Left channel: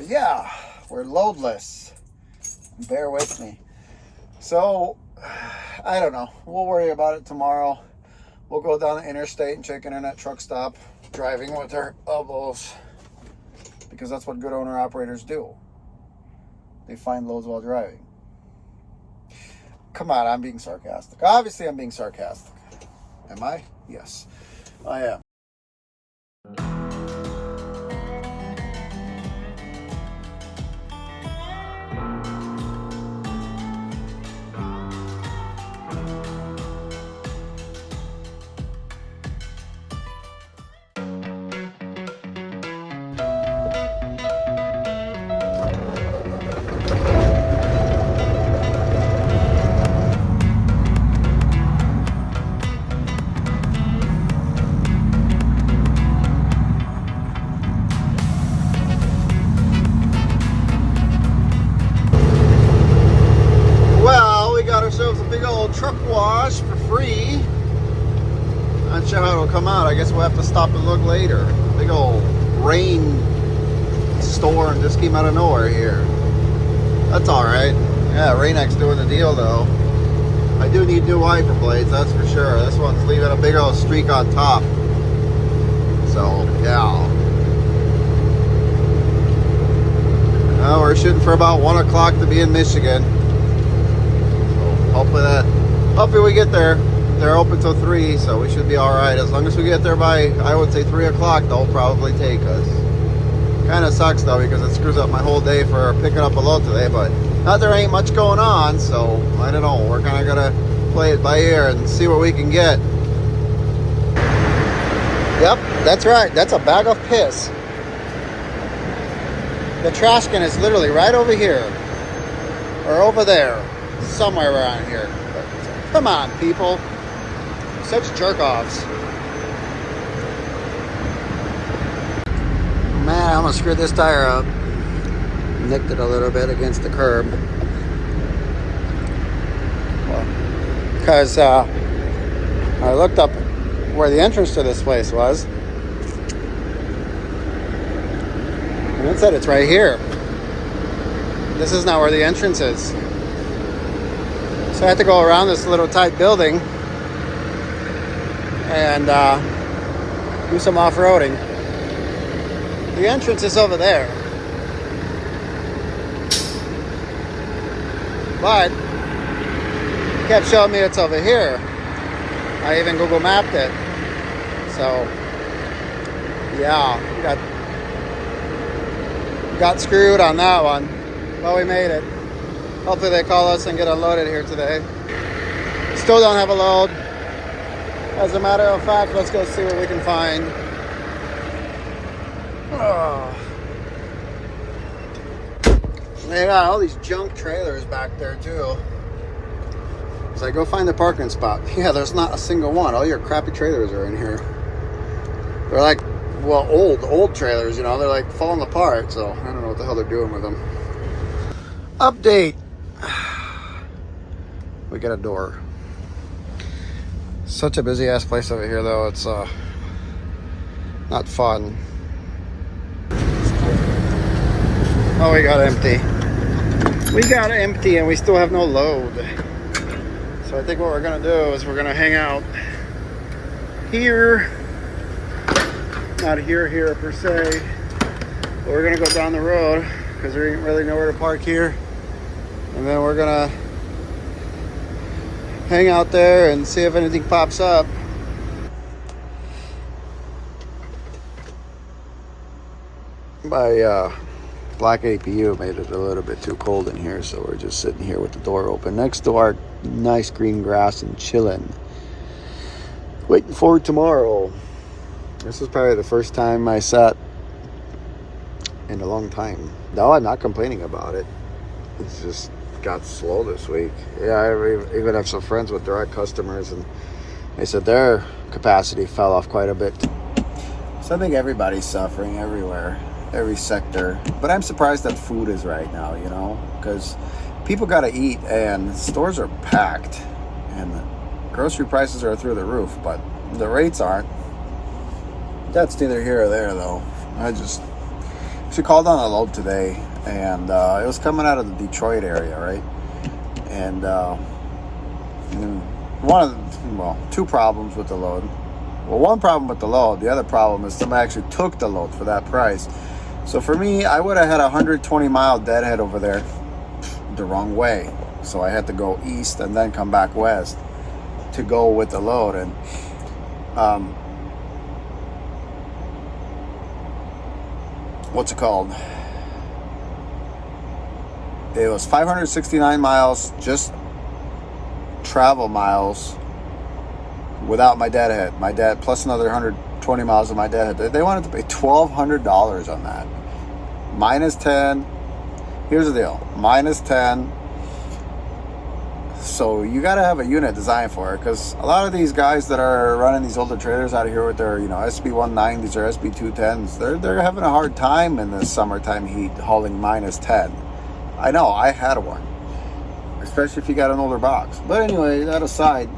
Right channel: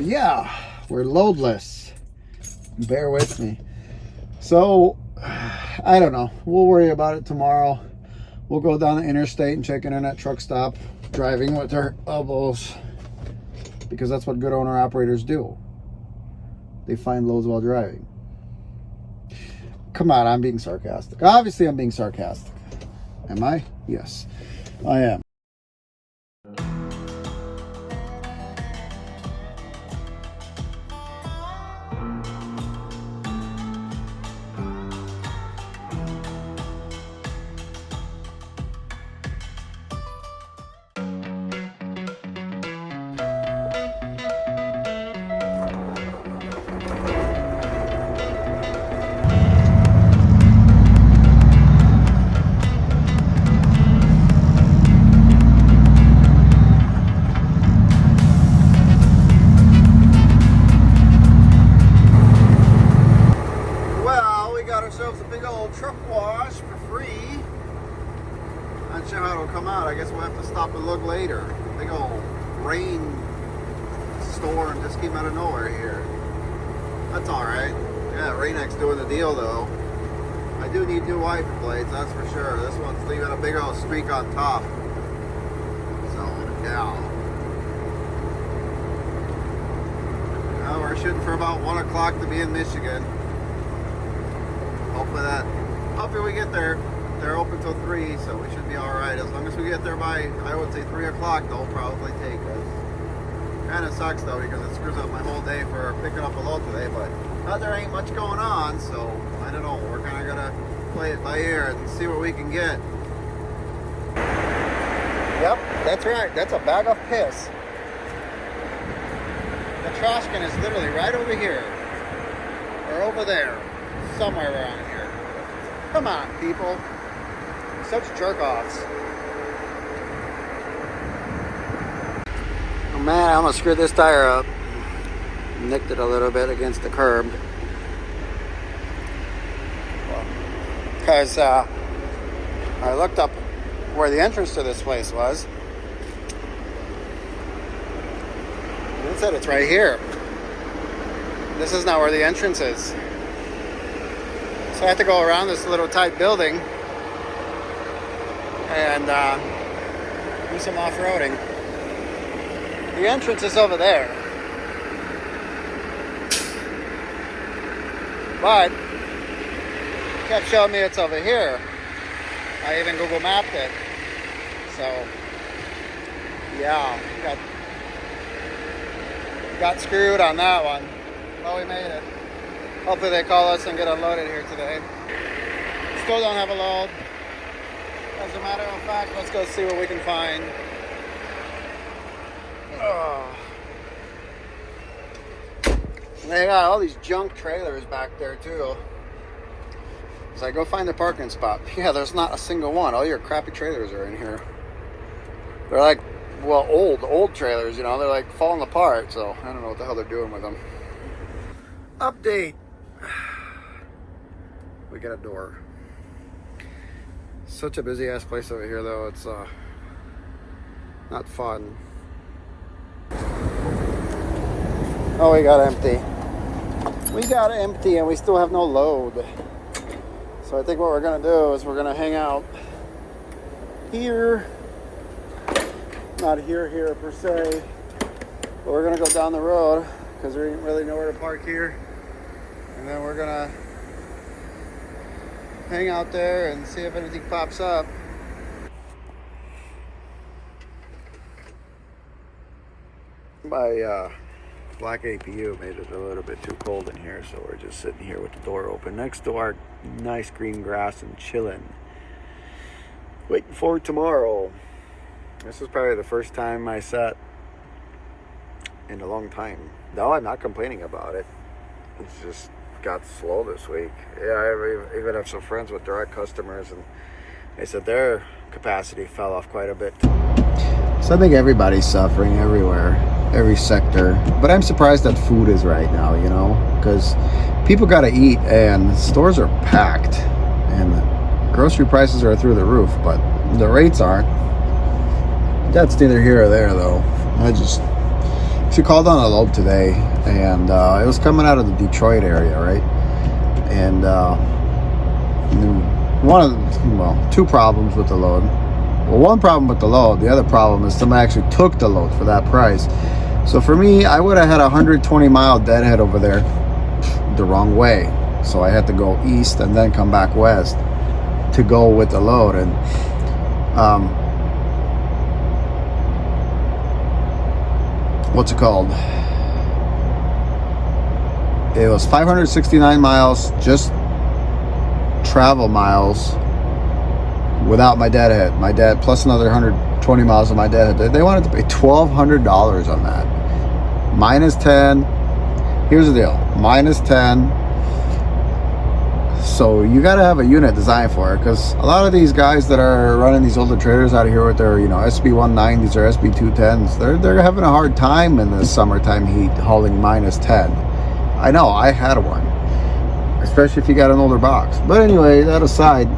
Yeah, we're loadless. Bear with me. So, I don't know. We'll worry about it tomorrow. We'll go down the interstate and check Internet Truck Stop, driving with our elbows, because that's what good owner-operators do. They find loads while driving. Come on, I'm being sarcastic. Obviously, I'm being sarcastic. Am I? Yes, I am. Ourselves a big old truck wash for free. Not sure how it'll come out. I guess we'll have to stop and look later. Big old rain storm just came out of nowhere here. That's alright. Yeah, Rain-X doing the deal though. I do need new wiper blades, that's for sure. This one's leaving a big old streak on top. So, yeah. Well, we're shooting for about 1 o'clock to be in Michigan. Hopefully we get there. They're open till 3, so we should be all right. As long as we get there by, I would say 3 o'clock, they'll probably take us. Kind of sucks though, because it screws up my whole day for picking up a load today, but not there ain't much going on, so I don't know. We're kind of gonna play it by ear and see what we can get. Yep, that's right. That's a bag of piss. The trash can is literally right over here, or over there. Somewhere around here. But come on, people. Such jerk-offs. Oh man, I almost screwed this tire up. Nicked it a little bit against the curb. Well, because I looked up where the entrance to this place was. And it said it's right here. This is not where the entrance is. So I have to go around this little tight building and do some off-roading. The entrance is over there. But it kept showing me it's over here. I even Google mapped it. So yeah, got screwed on that one. But we made it. Hopefully they call us and get unloaded here today. Still don't have a load. As a matter of fact, let's go see what we can find. Oh. They got all these junk trailers back there too. As I go find the parking spot. Yeah, there's not a single one. All your crappy trailers are in here. They're like, well, old trailers, you know. They're like falling apart, so I don't know what the hell they're doing with them. Update. We got a door. Such a busy ass place over here though. It's not fun. Oh, we got empty. We got empty and we still have no load. So I think what we're gonna do is we're gonna hang out here. Not here per se. But we're gonna go down the road because there ain't really nowhere to park here. And then we're gonna hang out there and see if anything pops up. My black APU made it a little bit too cold in here, so we're just sitting here with the door open next to our nice green grass and chilling. Waiting for tomorrow. This is probably the first time I sat in a long time. No, I'm not complaining about it. It's just got slow this week. Yeah, I even have some friends with direct customers and they said their capacity fell off quite a bit. So I think everybody's suffering everywhere, every sector. But I'm surprised that food is right now, you know, because people got to eat and stores are packed and grocery prices are through the roof, but the rates aren't. That's neither here or there though. Except actually called on a load today, and it was coming out of the Detroit area, right? And two problems with the load. Well, one problem with the load. The other problem is somebody actually took the load for that price. So for me, I would have had a 120-mile deadhead over there the wrong way. So I had to go east and then come back west to go with the load. And what's it called? It was 569 miles, just travel miles, without my deadhead. My dad plus another 120 miles of my deadhead. They wanted to pay $1,200 on that. Minus 10. Here's the deal. Minus 10. So you got to have a unit designed for it, because a lot of these guys that are running these older trailers out of here with their, SB190s or SB210s, they're having a hard time in the summertime heat hauling minus 10. I know, I had one, especially if you got an older box. But anyway, that aside,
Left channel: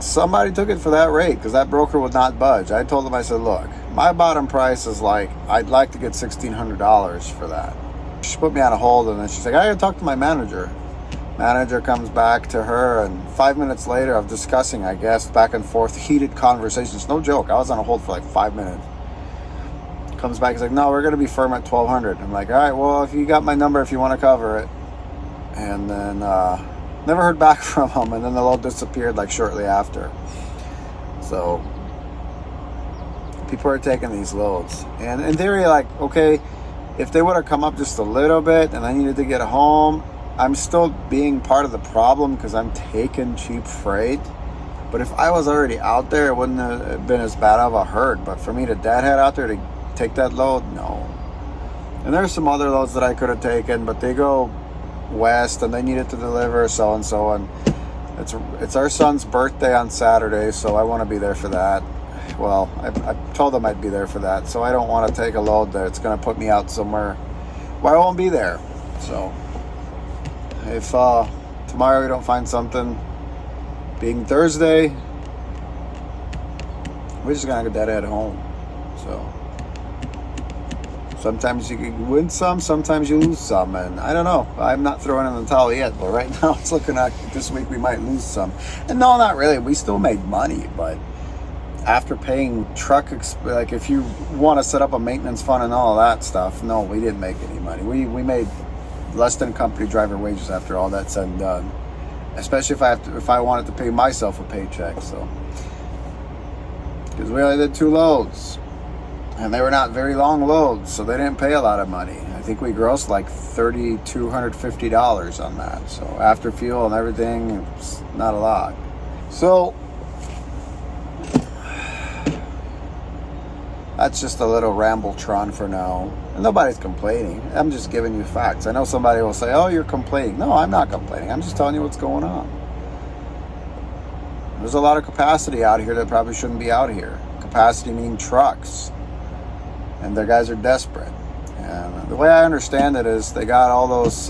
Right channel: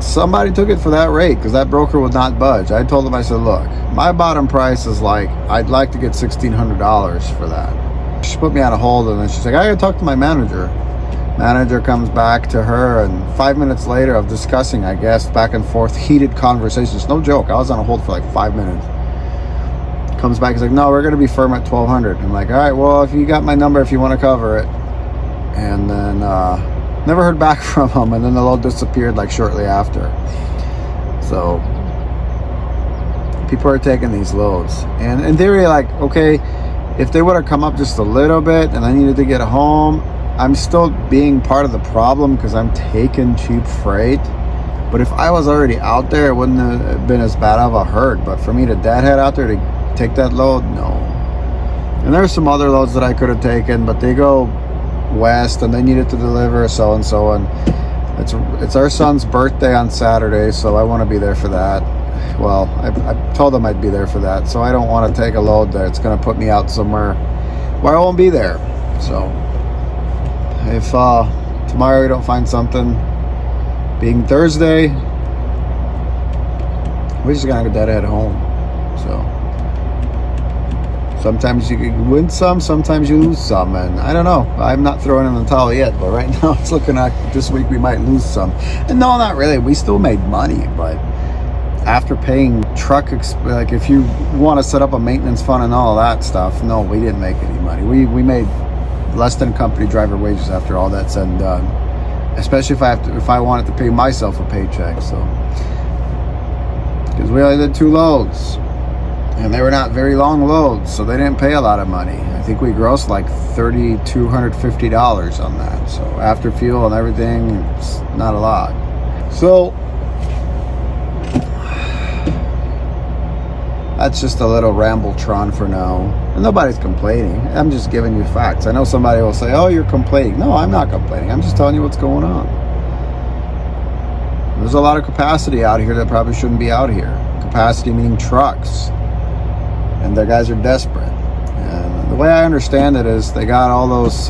somebody took it for that rate because that broker would not budge. I told him, I said, look, my bottom price is I'd like to get $1,600 for that. She put me on a hold, and then she's like, I gotta talk to my manager. Manager comes back to her, and 5 minutes later of discussing, I guess, back and forth, heated conversations. No joke, I was on a hold for 5 minutes. Comes back, he's like, no, we're gonna be firm at $1,200. I'm like, all right, well, if you got my number, if you want to cover it. And then never heard back from him, and then the load disappeared shortly after. So people are taking these loads, and in theory, okay, if they would have come up just a little bit and I needed to get home, I'm still being part of the problem because I'm taking cheap freight. But if I was already out there, it wouldn't have been as bad of a hurt. But for me to deadhead out there to take that load, no. And there's some other loads that I could have taken, but they go west and they needed to deliver so and so, and it's our son's birthday on Saturday, so I want to be there for that. Well, I told them I'd be there for that, so I don't want to take a load there. It's going to put me out somewhere where I won't be there. So if tomorrow we don't find something, being Thursday, we're just gonna get that at home. So sometimes you can win some, sometimes you lose some, and I don't know. I'm not throwing in the towel yet, but right now it's looking like this week we might lose some. And no, not really. We still made money, but after paying if you want to set up a maintenance fund and all that stuff, no, we didn't make any money. We made less than company driver wages after all that's said and done. Especially if I wanted to pay myself a paycheck. So because we only did 2 loads, and they were not very long loads, so they didn't pay a lot of money. I think we grossed $3,250 on that. So after fuel and everything, it's not a lot. So that's just a little rambletron for now. And nobody's complaining. I'm just giving you facts. I know somebody will say, oh, you're complaining. No, I'm not complaining. I'm just telling you what's going on. There's a lot of capacity out here that probably shouldn't be out here. Capacity meaning trucks. And their guys are desperate. And the way I understand it is they got all those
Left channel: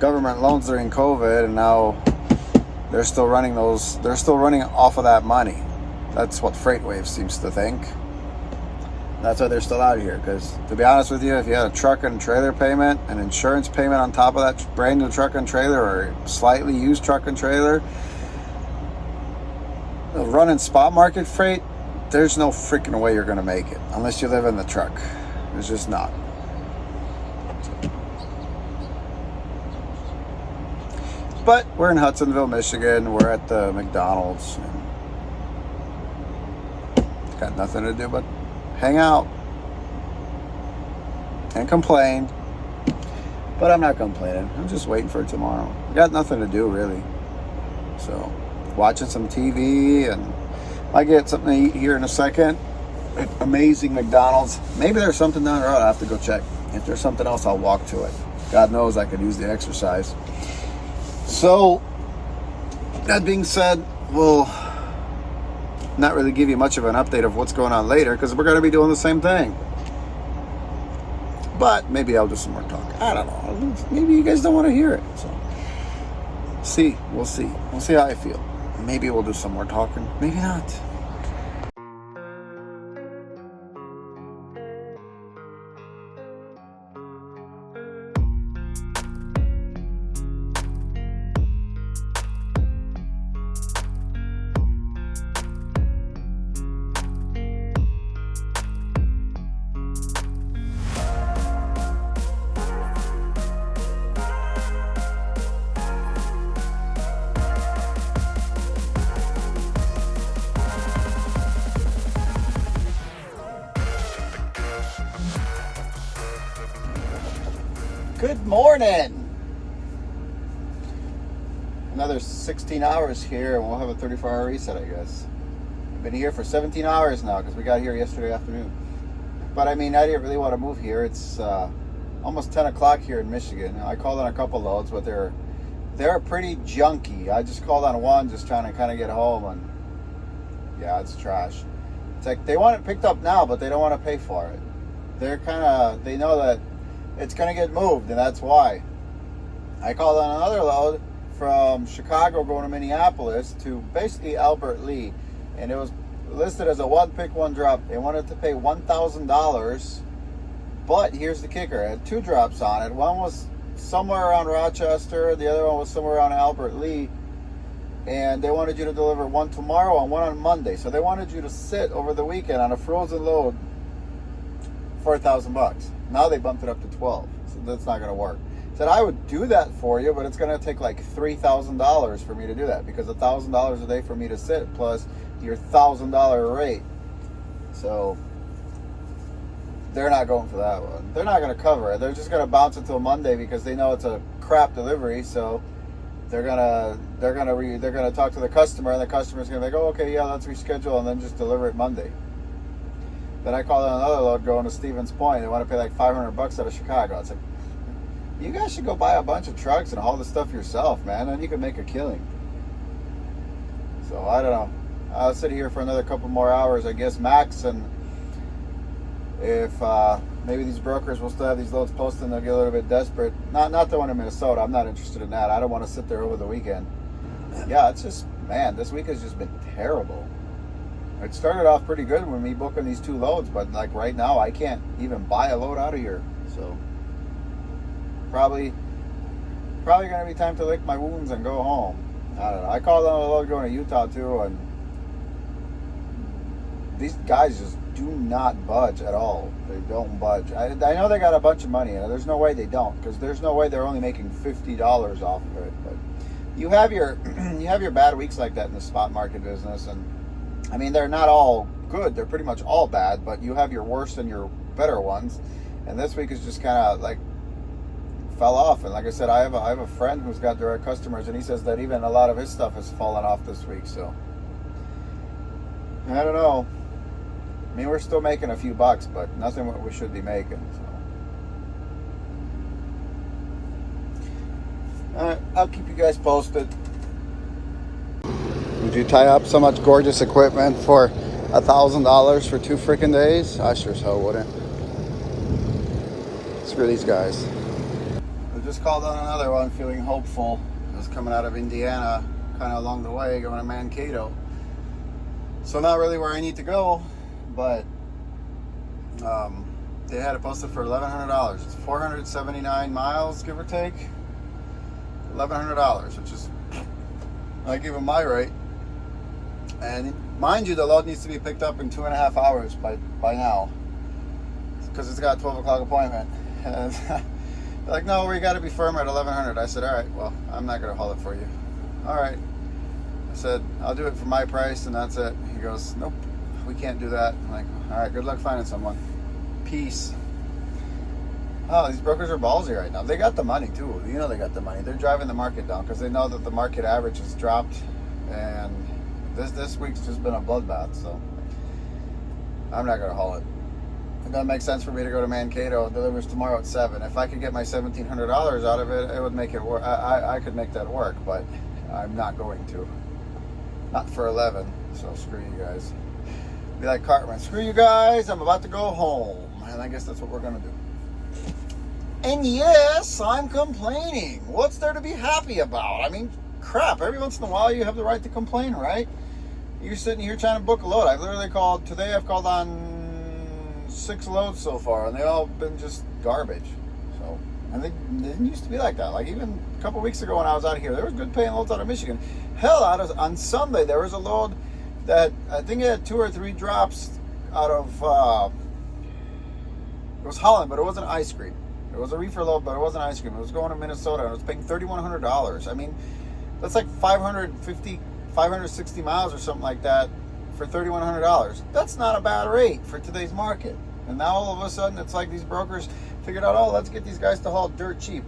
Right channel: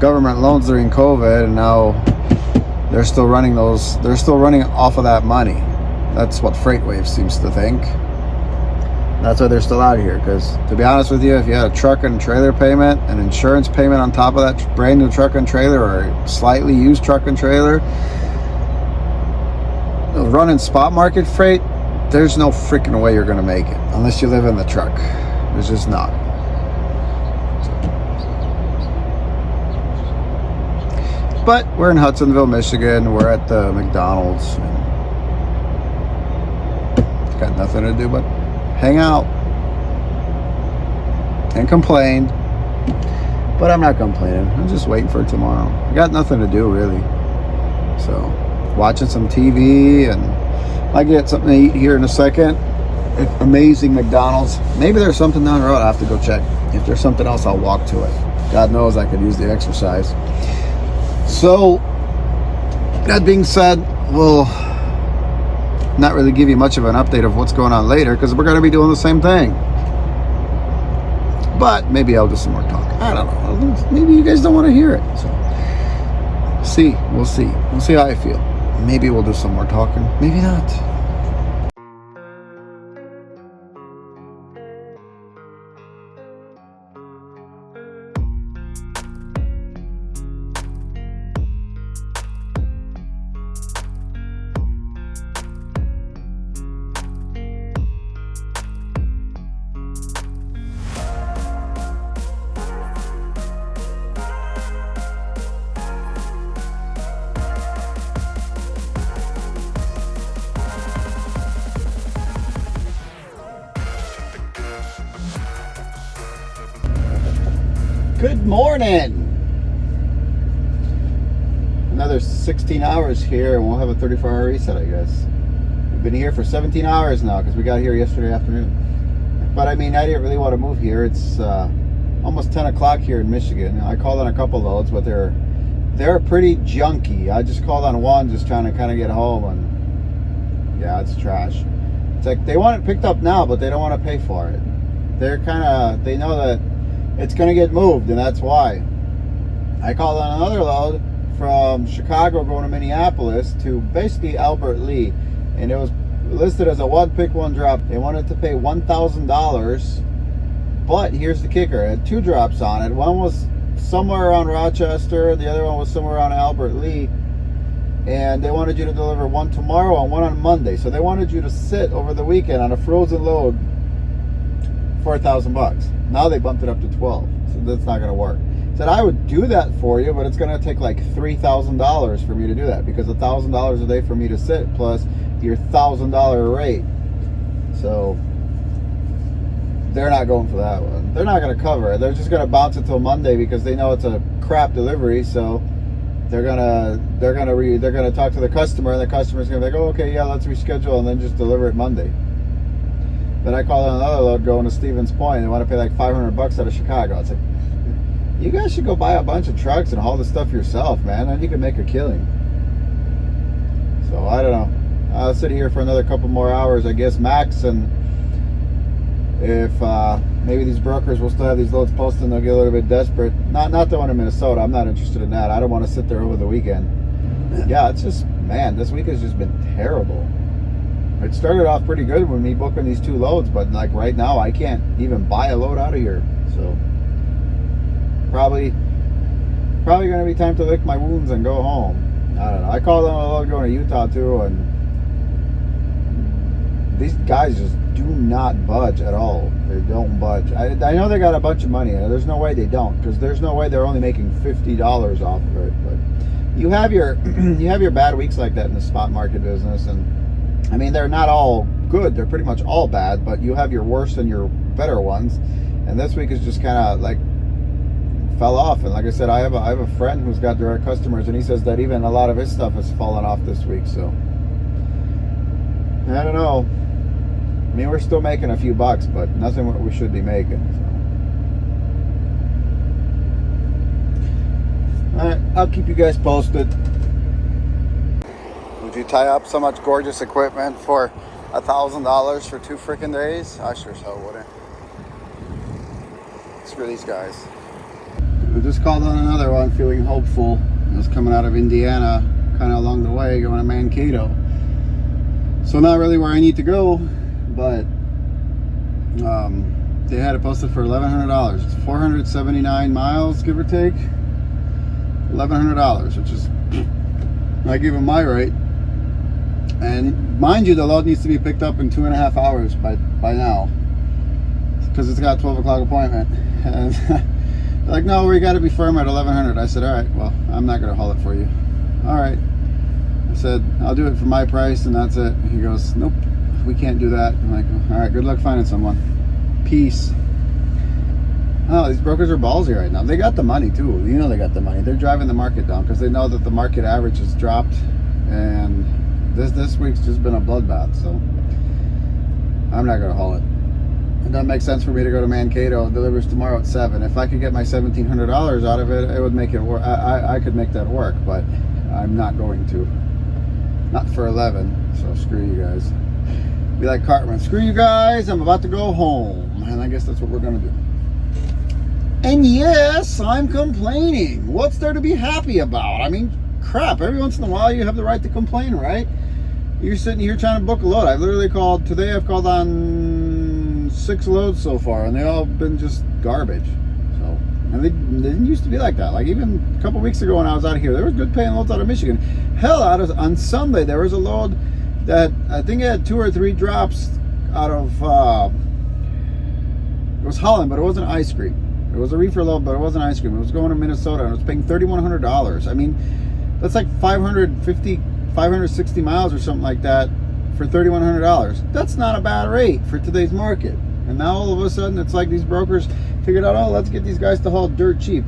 government loans during COVID, and now they're still running those. They're still running off of that money. That's what FreightWave seems to think. That's why they're still out here. Because to be honest with you, if you had a truck and trailer payment, an insurance payment on top of that brand new truck and trailer, or a slightly used truck and trailer, running spot market freight, there's no freaking way you're going to make it unless you live in the truck. There's just not. But we're in Hudsonville, Michigan. We're at the McDonald's. And got nothing to do but hang out and complain. But I'm not complaining. I'm just waiting for tomorrow. I got nothing to do really. So watching some TV, and I get something to eat here in a second. Amazing McDonald's. Maybe there's something down the road. I have to go check. If there's something else, I'll walk to it. God knows I could use the exercise. So that being said, we'll not really give you much of an update of what's going on later, because we're going to be doing the same thing. But maybe I'll do some more talk. I don't know. Maybe you guys don't want to hear it. So we'll see how I feel. Maybe we'll do some more talking. Maybe not. Good morning. Another 16 hours here and we'll have a 34-hour reset, I guess. We've been here for 17 hours now because we got here yesterday afternoon. But I mean, I didn't really want to move here. It's almost 10 o'clock here in Michigan. I called on a couple loads, but they're pretty junky. I just called on one just trying to kind of get home, and yeah, it's trash. It's like they want it picked up now, but they don't want to pay for it. They know that it's going to get moved, and that's why. I called on another load from Chicago going to Minneapolis to basically Albert Lee, and it was listed as a one pick, one drop. They wanted to pay $1,000, but here's the kicker. It had two drops on it. One was somewhere around Rochester, the other one was somewhere around Albert Lee, and they wanted you to deliver one tomorrow and one on Monday. So they wanted you to sit over the weekend on a frozen load for $1,000. Now they bumped it up to 12, so that's not going to work. Said I would do that for you, but it's going to take like $3,000 for me to do that, because $1,000 a day for me to sit plus your $1,000 rate. So they're not going for that one. They're not going to cover it. They're just going to bounce it till Monday because they know it's a crap delivery. So they're gonna talk to the customer, and the customer's going to be like, oh, okay, yeah, let's reschedule, and then just deliver it Monday. Then I called on another load going to Stevens Point. They want to pay like $500 out of Chicago. It's like, you guys should go buy a bunch of trucks and haul the stuff yourself, man. Then you can make a killing. So I don't know. I'll sit here for another couple more hours, I guess, max, and if maybe these brokers will still have these loads posted and they'll get a little bit desperate. Not the one in Minnesota. I'm not interested in that. I don't want to sit there over the weekend. Yeah, it's just, man, this week has just been terrible. It started off pretty good with me booking these two loads, but like right now I can't even buy a load out of here. So probably gonna be time to lick my wounds and go home. I don't know. I called on a load going to Utah too, and these guys just do not budge at all. They don't budge. I know they got a bunch of money, and there's no way they don't, because there's no way they're only making $50 off of it. But you have your bad weeks like that in the spot market business, and I mean, they're not all good. They're pretty much all bad, but you have your worst and your better ones. And this week is just kind of like fell off. And like I said, I have a friend who's got direct customers, and he says that even a lot of his stuff has fallen off this week. So I don't know. I mean, we're still making a few bucks, but nothing what we should be making. So. All right, I'll keep you guys posted. Would you tie up so much gorgeous equipment for $1,000 for 2 freaking days? I sure so wouldn't. Screw these guys. I just called on another one, feeling hopeful. It was coming out of Indiana, kind of along the way, going to Mankato. So not really where I need to go, but they had it posted for $1,100. It's 479 miles, give or take. $1,100, which is, I gave them my rate. And mind you, the load needs to be picked up in 2.5 hours by now, because it's got a 12 o'clock appointment. And like, no, we got to be firm at 1,100. I said, all right, well, I'm not going to haul it for you. All right. I said, I'll do it for my price, and that's it. He goes, nope, we can't do that. I'm like, all right, good luck finding someone. Peace. Oh, these brokers are ballsy right now. They got the money too. You know they got the money. They're driving the market down because they know that the market average has dropped, and this week's just been a bloodbath. So I'm not gonna haul it. It doesn't make sense for me to go to Mankato. It delivers tomorrow at 7. If I could get my $1,700 out of it, it would make it work. I could make that work, but I'm not going to. Not for 11. So screw you guys. Be like Cartman. Screw you guys. I'm about to go home, and I guess that's what we're gonna do. And yes, I'm complaining. What's there to be happy about? I mean, crap, every once in a while you have the right to complain, right? You're sitting here trying to book a load. I've literally called, today I've called on 6 loads so far, and they all been just garbage. So, and they didn't used to be like that. Like even a couple weeks ago when I was out of here, there was good paying loads out of Michigan. Hell, on Sunday, there was a load that I think it had 2 or 3 drops out of, it was Holland, but it wasn't ice cream. It was a reefer load, but it wasn't ice cream. It was going to Minnesota, and it was paying $3,100. I mean, that's like 560 miles or something like that for $3,100. That's not a bad rate for today's market. And now all of a sudden, it's like these brokers Figured out, oh, let's get these guys to haul dirt cheap.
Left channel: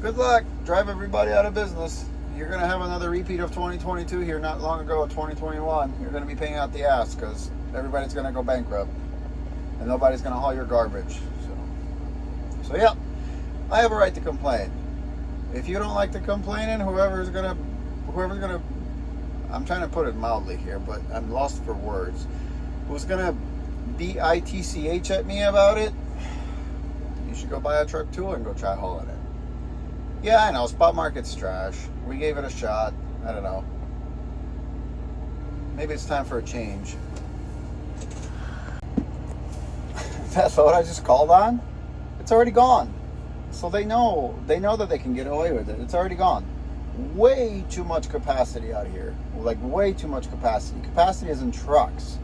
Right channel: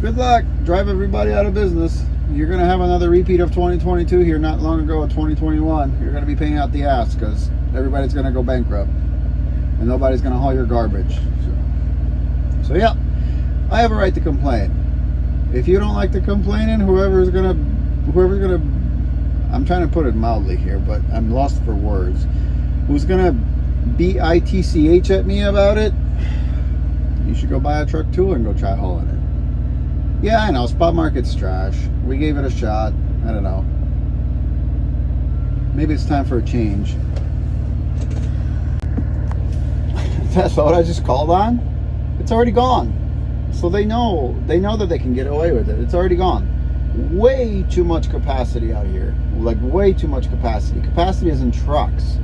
Good luck. Drive everybody out of business. You're going to have another repeat of 2022 here not long ago, 2021. You're going to be paying out the ass because everybody's going to go bankrupt. And nobody's going to haul your garbage. So yeah, I have a right to complain. If you don't like the complaining, whoever's gonna, I'm trying to put it mildly here, but I'm lost for words. Who's gonna bitch at me about it? You should go buy a truck too and go try hauling it. Yeah, I know, spot market's trash. We gave it a shot. I don't know. Maybe it's time for a change. That's what I just called on? It's already gone. So they know that they can get away with it. It's already gone. Way too much capacity out here. Like way too much capacity. Capacity is in trucks.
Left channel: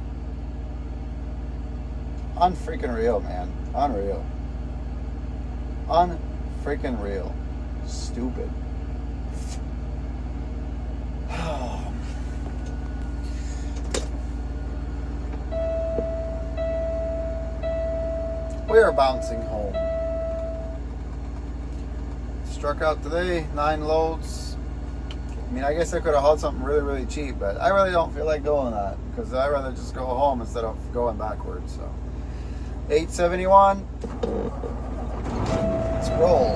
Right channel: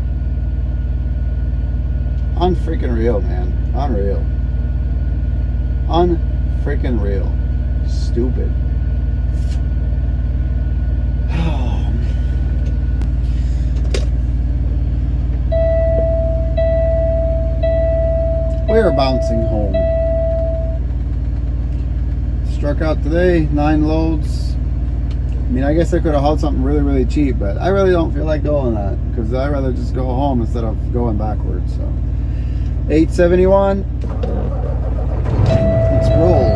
Unfreaking real, man. Unreal. Unfreaking real. Stupid. We're bouncing home. Struck out today, 9 loads. I mean, I guess I could have hauled something really, really cheap, but I really don't feel like doing that because I'd rather just go home instead of going backwards. So, 871. Let's roll.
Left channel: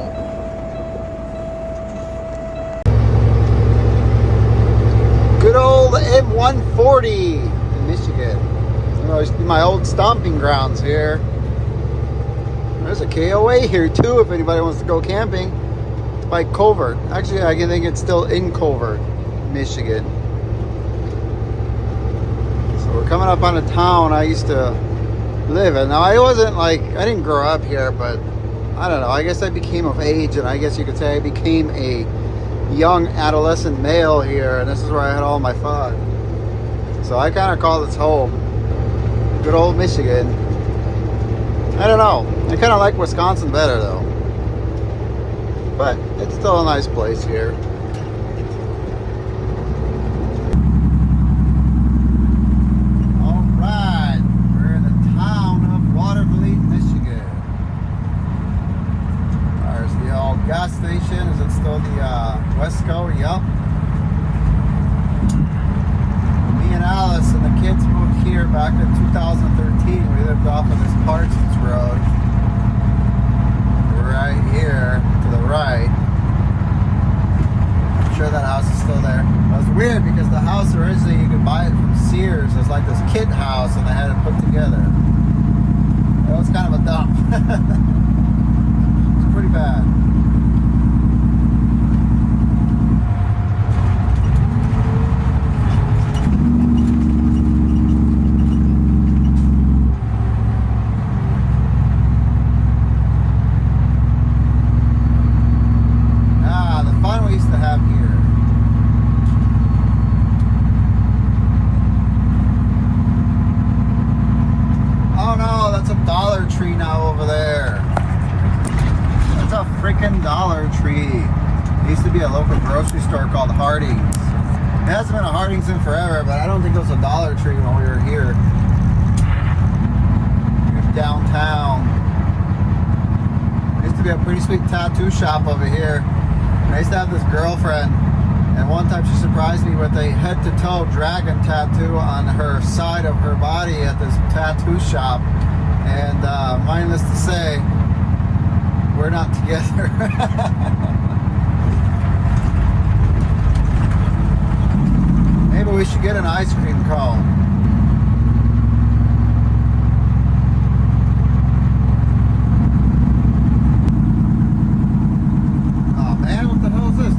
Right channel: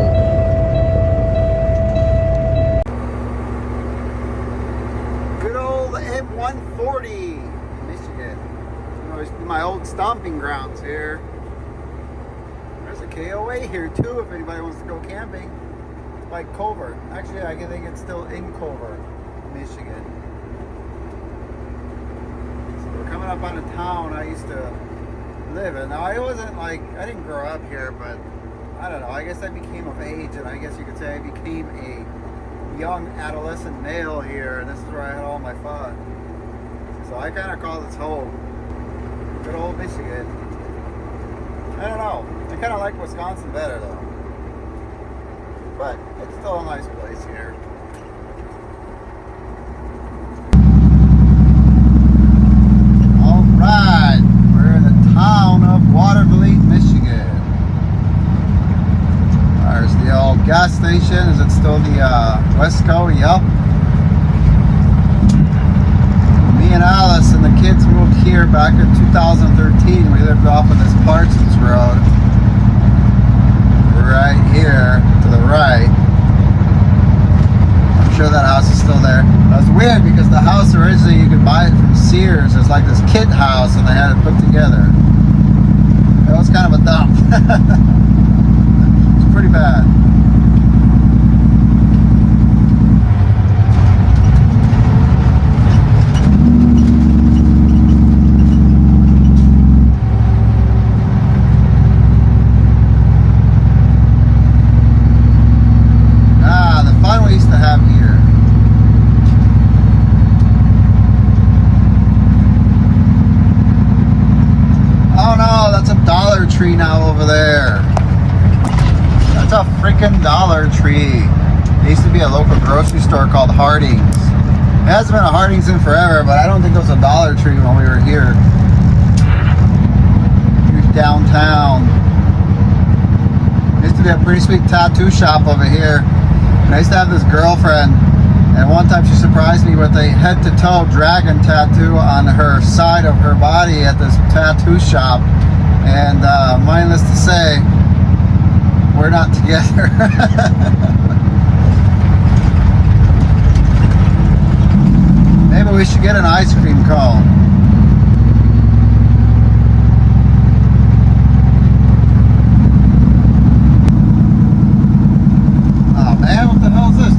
Good old M140 in Michigan. You know, used to be my old stomping grounds here. There's a KOA here too if anybody wants to go camping. By Covert. Actually, I think it's still in Covert, Michigan. So we're coming up on a town I used to live in. Now, I didn't grow up here, but I don't know. I guess I became of age, and I guess you could say I became a young adolescent male here, and this is where I had all my fun. So I kind of call this home. Good old Michigan. I don't know. I kind of like Wisconsin better, though. But it's still a nice place here. Alright, we're in the town of Waterville, Michigan. There's the old gas station. Is it still the Wesco? Yup. Me and Alice and the kids moved here back in 2013. We lived off of this Parsons Road. Right here to the right. I'm sure that house is still there. That was weird because the house originally you could buy it from Sears. It's like this kit house and they had it put together. It was kind of a dump. It's pretty bad. It hasn't been a Harding's in forever, but I don't think it was a Dollar Tree when we were here. Downtown. There used to be a pretty sweet tattoo shop over here. And I used to have this girlfriend, and one time she surprised me with a head-to-toe dragon tattoo on her side of her body at this tattoo shop. And mindless to say, we're not together. Maybe we should get an ice cream cone. Oh man, what the hell is this?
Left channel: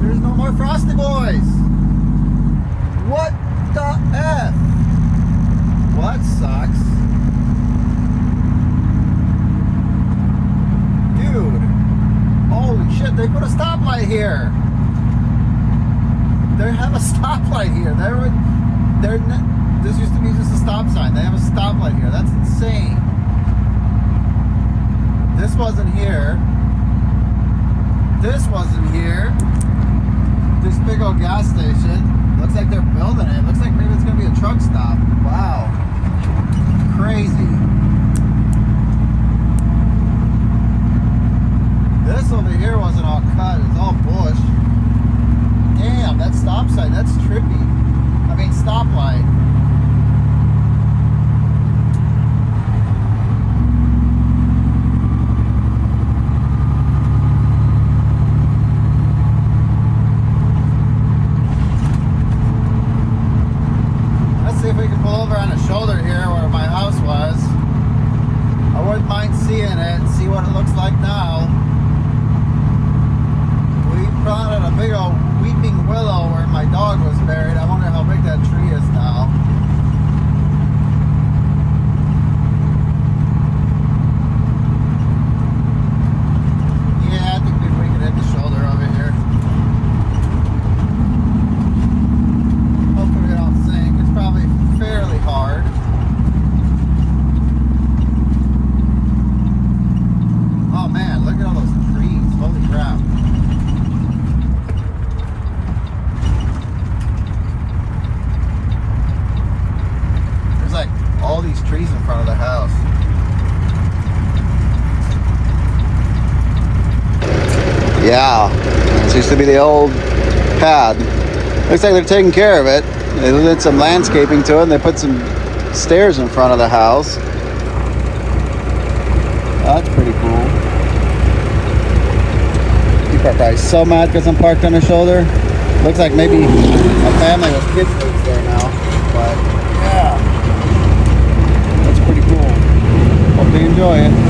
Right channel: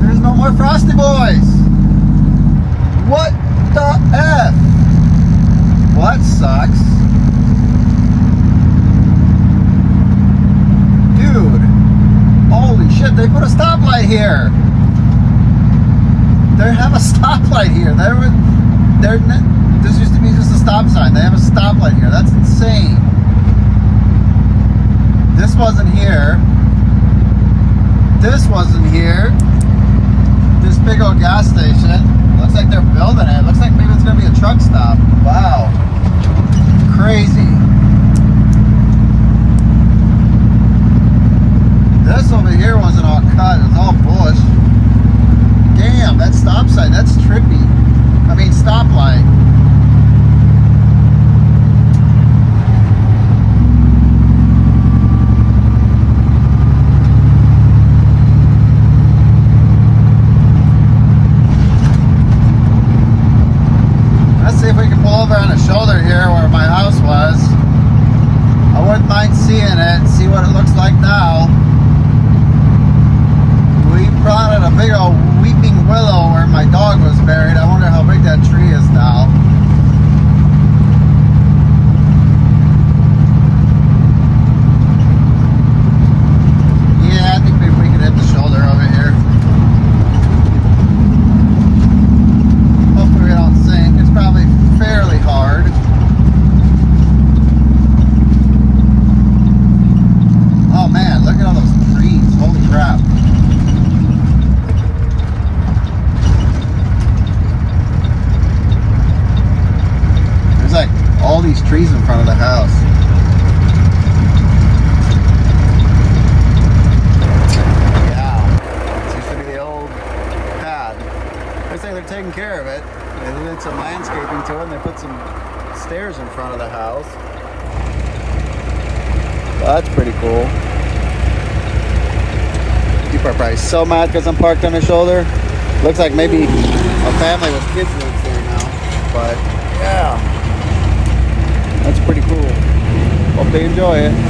There's no more Frosty Boys! What the F? Well, that sucks. Dude, holy shit, they put a stoplight here. They have a stoplight here. This used to be just a stop sign. They have a stoplight here. That's insane. This wasn't here. This wasn't here. This big old gas station. Looks like they're building it. Looks like maybe it's going to be a truck stop. Wow. Crazy. old pad. Looks like they're taking care of it. They did some landscaping to it, and they put some stairs in front of the house. Well, that's pretty cool. People are probably so mad because I'm parked on the shoulder. Looks like maybe a family with kids lives there now. But yeah, that's pretty cool. Hope they enjoy it.